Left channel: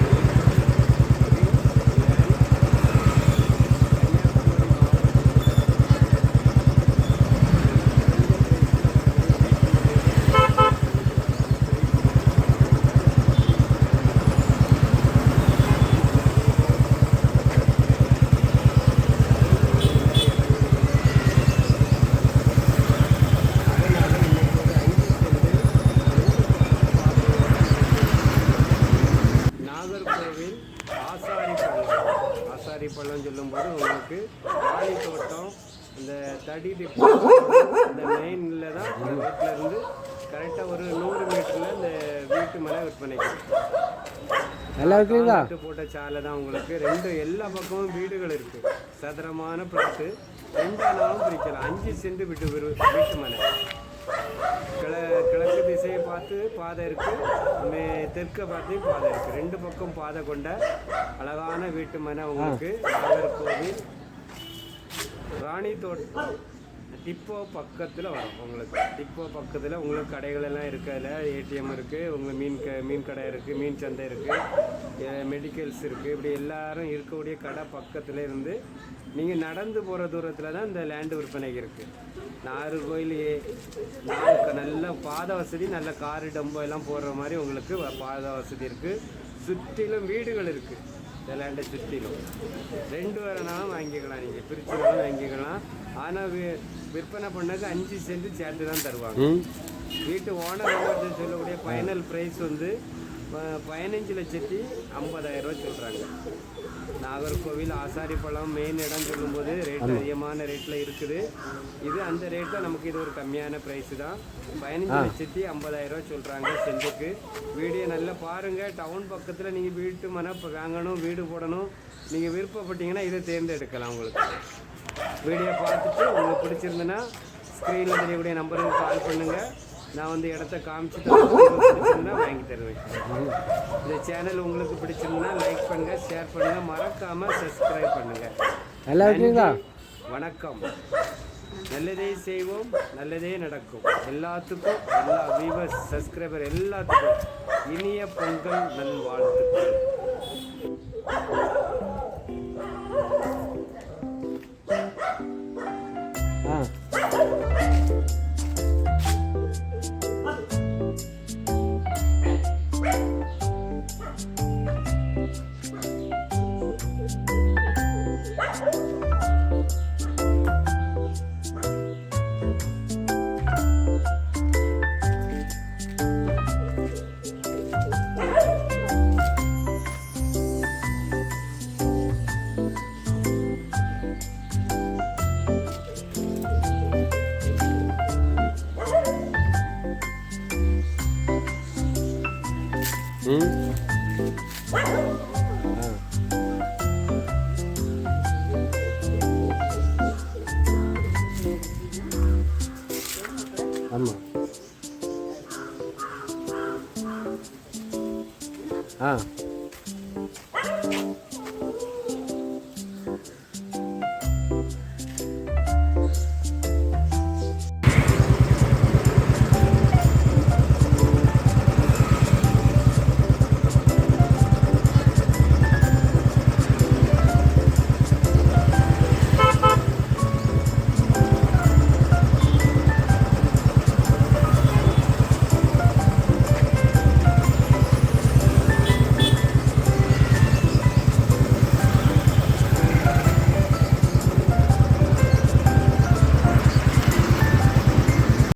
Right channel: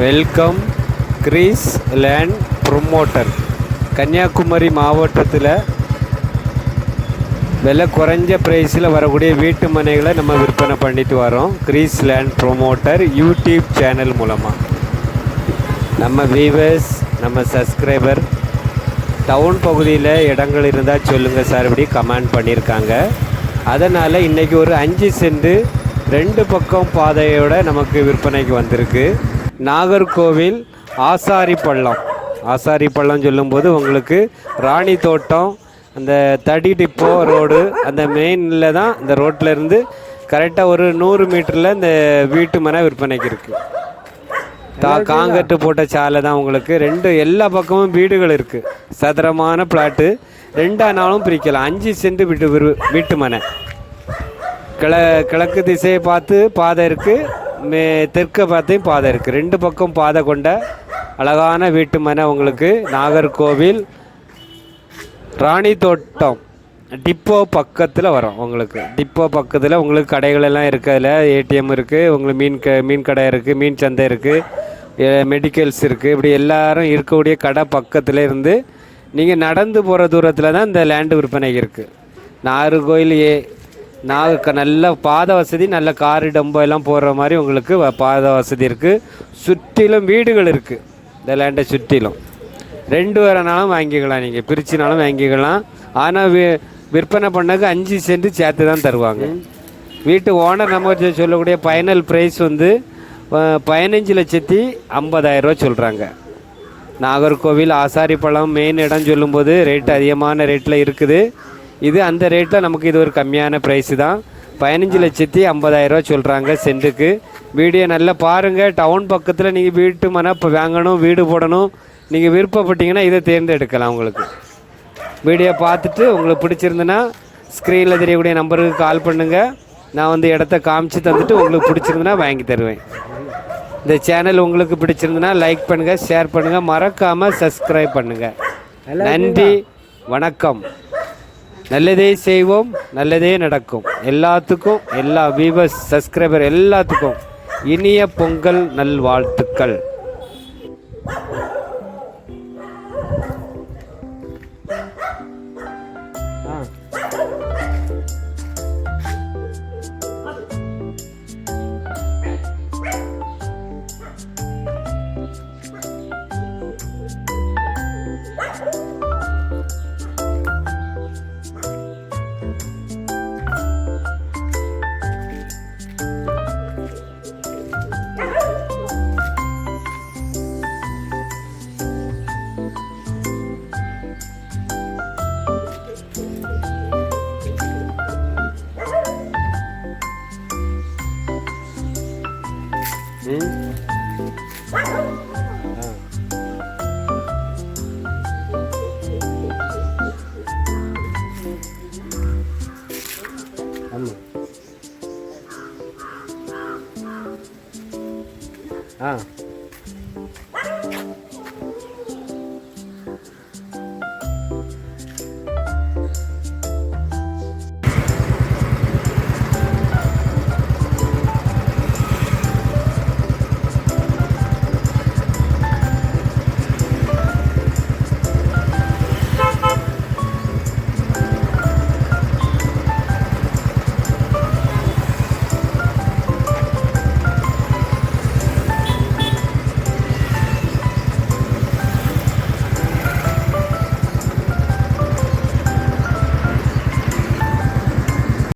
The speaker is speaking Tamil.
Welcome Greece land promoter. Kanyakumari மாவட்டத்தில் விலை குறைஞ்ச ப்ரைஸில் வரக்கூடிய வீட்டு மனைகளை நம்ம விற்பனை பண்ணிட்டு வரோம். Greece land promoter YouTube channel மூலமாக நம்ம வியூவர்ஸ், நம்ம சப்ஸ்கிரைபர் டவுன் பகுதியில் இடங்கள் இருந்தால் சொல்லுங்கள் சார், இப்படி கமெண்ட் பண்ணியிருக்காங்க. அதனால் இன்றைக்கி ஒரு 5 சென்ட் 2 பக்கம் பாதையோடு நமக்கு விற்பனைக்கு வந்திருக்கு. நாகர்கோவில் ஆசாரி பள்ளம் சொல்லும்போது உங்களுக்கு ராணி தோட்டம், அந்த தடி டிப்போ ரோடு, அந்த மெயினில் தான் இந்த ரோட்டில் இருந்து கரெக்டாக ஒரு 100 மீட்டரில் இந்த வீட்டு மனை விற்பனைக்கு இருக்குது. காங்கட்டு போட்ட சாலை தான் உங்களுக்கு. எல்லா பக்கமும் வீடுகள் இருக்குது. சதுரமான பிளாட்டு, 2 நாளும் பிரிக்கலாம். 5 சென்ட் வீட்டு மனை. கிழக்கு திசையை பார்த்து பாதை இருக்குது, தெற்க பார்த்தையும் பாதை இருக்குது. 2 பக்கம் பாதை கொண்ட அழகான வீட்டு மனை உங்களுக்கு நாகர்கோவில் ராணி தோட்டம் டிப்போ பக்கத்தில் வரும். உங்களுக்கு டிப்போ பக்கத்தில் உங்களுக்கு கடைகள் எல்லாம் இருக்குது. அதில் ஏடிஎம் இருக்குது, உங்களுக்கு மீன் கடை இருக்குது, மீன் சந்தை இருக்குது, மெடிக்கல்ஸ் இருக்குது. இப்படி எல்லாரும் இருக்கக்கூடிய கடை பக்கத்தில் இருந்து நீங்கள் நடந்து போகிற தூரத்தில் தான் இந்த லேண்டு விற்பனை இருக்குது. நாகர்கோவில் நல்ல பாதை வசதி, நல்ல காரு டம்போ எல்லாம் போடுற மாதிரி உங்களுக்கு பாதை வசதி இருக்குது. சுற்றிலும் வீடுகள் இருக்குது. இந்த லேண்டை சுற்றிலும் 2 வரனாலும் வாங்கிக்கலாம், நீங்கள் பிரிச்சினாலும் வாங்கிக்கலாம். ஆனால் விற்பனை பண்ணக்கு 5 சென்ட் சேர்த்து தான் தருவாங்க. வீட்டு ஓனர் நம்ம சொல்லக்கூடிய ஃபைனல் ப்ரைஸ் 15,50,000 ரூபா சொல்கிறாங்க. நாகர்கோவில் ஆசாரிப்பள்ளம் மெயின் இடம் சொல்லும்போது ரேட்டு அதிகமான ரேட்டில் இருக்குது. இது அந்த ரேட்டில் நமக்கு இது ஒரு கம்மியான ப்ரைஸு தான். 15,50,000 ரூபா சொல்கிறாங்க சென்ட்டுக்கு. வீடியோ நல்லா பாருங்கள். டவுன் பக்கத்தில் நீங்கள் வீட்டு மனை இப்போ வாங்கணும், வீடு போடணும், நீங்கள் விருப்பப்பட்டீங்கன்னா இதை தேர்ந்தெடுக்கலாம். உங்களுக்கு வீடியோ பார்த்துட்டு உங்களுக்கு பிடிச்சிருந்துன்னா ஸ்க்ரீனில் தெரியக்கூடிய நம்பருக்கு கால் பண்ணுங்கள். நான் இடத்த காமிச்சு தந்துட்டு உங்களுக்கு பிடிச்சிருந்துன்னா வாங்கி தருவேன். இந்த சேனல் உங்களுக்கு பிடிச்சிருந்துன்னா லைக் பண்ணுங்கள், ஷேர் பண்ணுங்கள், மறக்காமல் சப்ஸ்கிரைப் பண்ணுங்கள். நன்றி, வணக்கம். நல்லதே செய்வோம், நல்லதே நடக்கும். எல்லாத்துக்கும், எல்லா வியூவர்ஸ், சப்ஸ்கிரைபர் எல்லாத்துக்கும் இனிய பொங்கல் நல்வாழ்த்துக்கள். ஆமாம்.